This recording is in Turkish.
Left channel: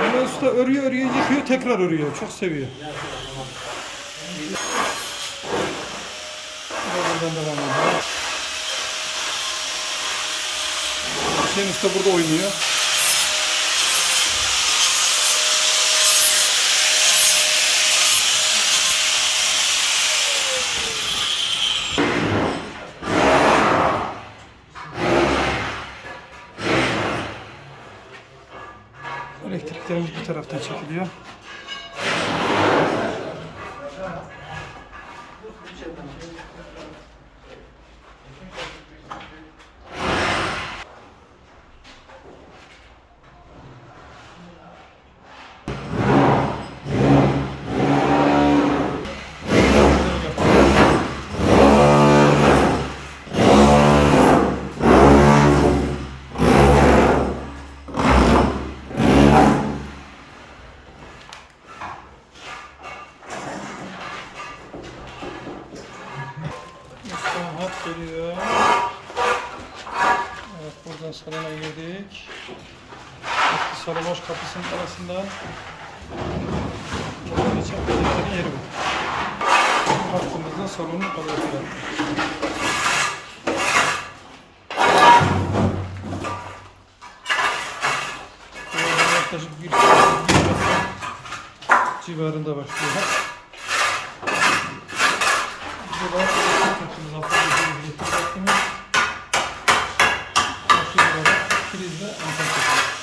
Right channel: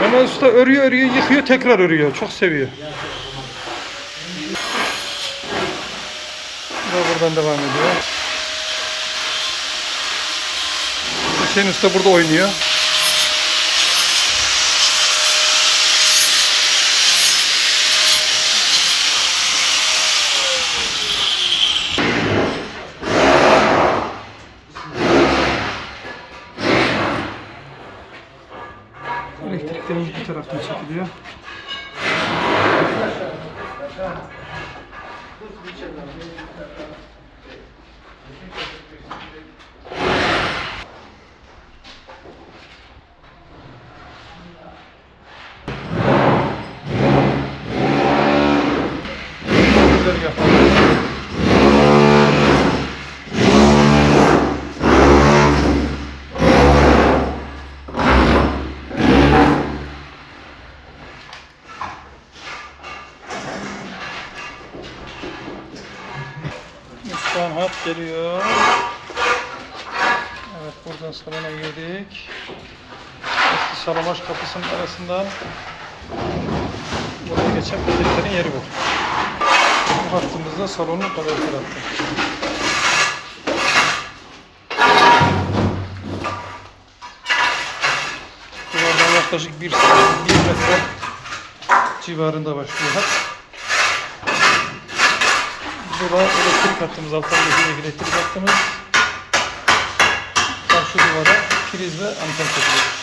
Mehmet Usta örüyor örüyor yıkıyor tekrar örüyor. Çok seviyor. Bu da buradan devam ediyor. Hüseyin Usta burada oynuyor. Elektriklerimiz bu taraftan çekiliyor. Güzel yapalım. Lütfen hat geliyor. Evet buradan salona girdik. Eski Salamaş kapısının arasından buraya geçen peteklerin yeri bu. Bu hattımızda salonun kalorifer hattı. Duvardan yaklaşık bir, bir metre civarında başlıyor hat. Bu da elektrik hattımız, alttan geçecek elektrik hattımız. Karşı duvara priz ve anten çekiyoruz.